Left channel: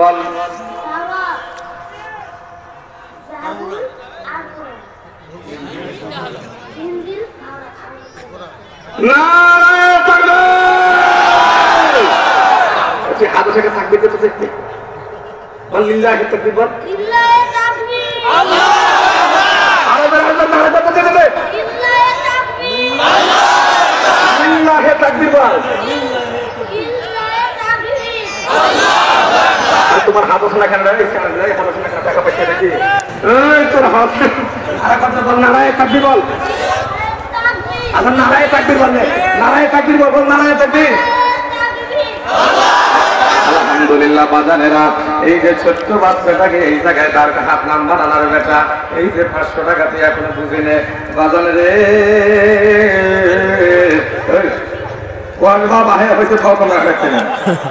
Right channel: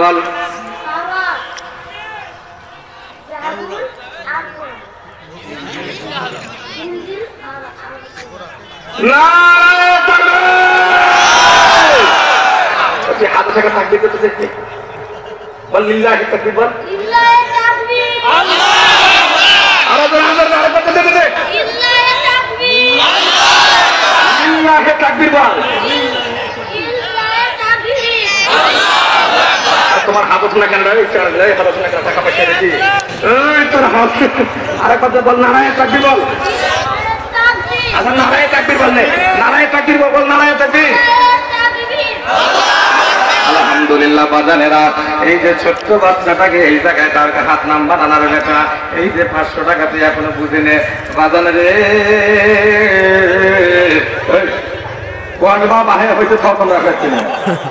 বল তোমার হাত না কেন টাকা পয়সা দেখি তোর হাত আর কথা বল নারায় তাকবীর বল আচ্ছা নারায় তাকবীর বল নারায় তাকবীর বল নারায় তাকবীর আলহামদুলিল্লাহ বাজানেরা এই যে ছোট্ট বাচ্চাটাকে এই জায়গায় তার হাত নাম্বার আনার লেখা এই যে 500 টাকা তুই এখনো বুঝিনে বাজানে রে বাবা হ্যাঁ হয়তো খবর রাখাচ্ছে না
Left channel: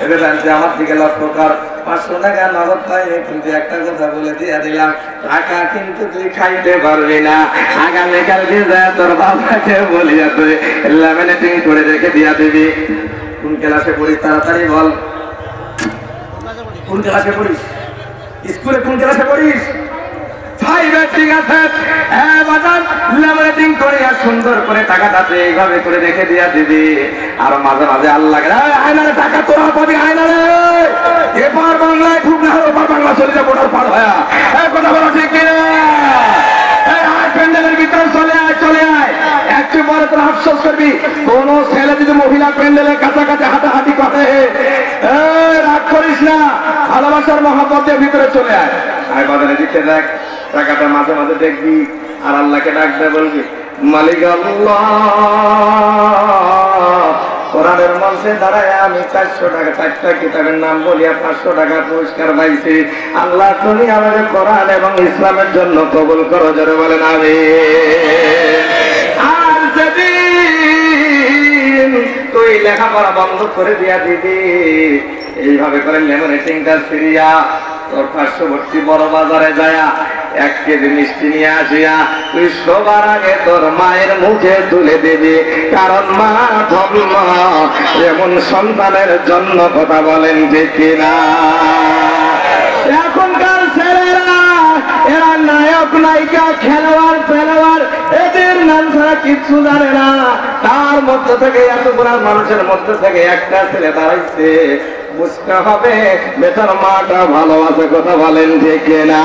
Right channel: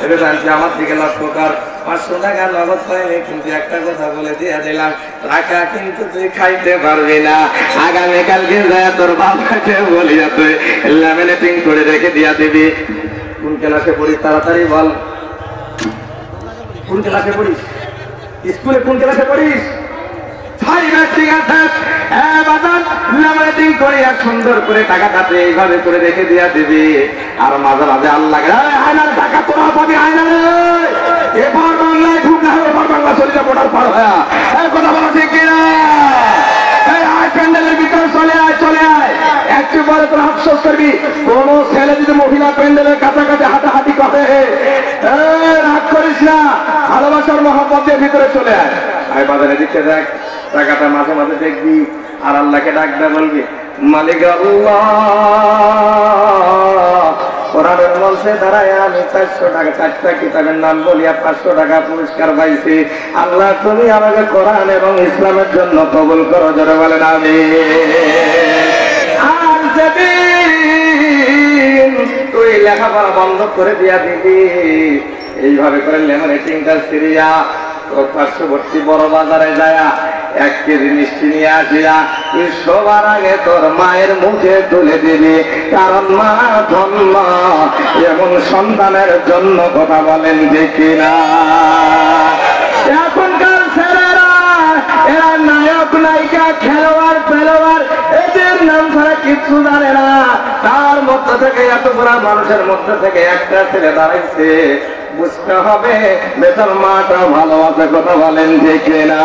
এটা জানছি আমার দিকে লক্ষ্য কর 500 টাকা নগদ পাইনি কিন্তু একটা কথা বলে দিয়ে দিলাম টাকা কিন্তু তুই খাইতে পারবি না আগামীকালকে যায় তোর বাবাকে বলিয়া তুই লেমিনেটিং করে রেখে দিয়া দিবি কোন ক্লাসে পড়িস তাড়াতাড়ি বল কোন ক্লাসে পড়িস স্কুলে কোন ক্লাসে পড়িস সুন্দর করে টাকাটা এইভাবে করে রেখে দিয়া দিবি আর মাঝে মাঝে আল্লাহ টাকা তোরা পাবি এবার বাংলায় খুব না ওপার বাংলা চলে যাবো ওটার পার হয়ে কথা বলা ঠিক কিনা প্যান্ডেলের ভিতর চলে আয় একবারে তোরা আফসোস করবি কোন ছেলে যদি মহিলা প্যান্ডেলের কাছাকাছি হাঁটাহাঁটি করে রাগ করিস না ভালোবাসার মহব্বতের ভিতরে চলে আয় বাজারে দিকে দেখ টাকাটা মাঝে মাঝে দেখবি আর আল্লাহকে ডাকতে বলবি মালিক আল্লাহ কোরআনের মঞ্চে দাঁড়ায় আমি 400 টাকা 4টা কিতাবের নাম বলিয়া 500 টাকা পুরস্কার পাইছি আল্লাহ তুমি আমাকে কোরআন এবং ইসলামের জন্য কবুল করো যারা বলেন আমিন আর যেদিন তুই লেখাপড়া বন্ধ করে দিয়া দিবি এইভাবে করে লেমিনেটিংটা সিরিয়া তোর পার্শ্ববর্তী বড় বাজারে যায় 1 কেজি মিষ্টি নিয়ে আসিয়া তুই সবার আগে তোর মায়ের মুখে তুলে দিবি কারণ মা ধন্য যেমন সন্তানের জন্য কথা বলেন ঠিক কিনা এখনকার ছেলেরা এরা নায়ক নায়িকা খেলোয়াড় এদের নাম ছাড়া কিছু জানে না তার মধ্যে থেকে এতগুলা মানুষের মধ্যে থেকে একটা ছেলে দাঁড়াইছে বুঝতে হবে বেটার মাটা ভালো আছে কথা বলেন ঠিক কিনা।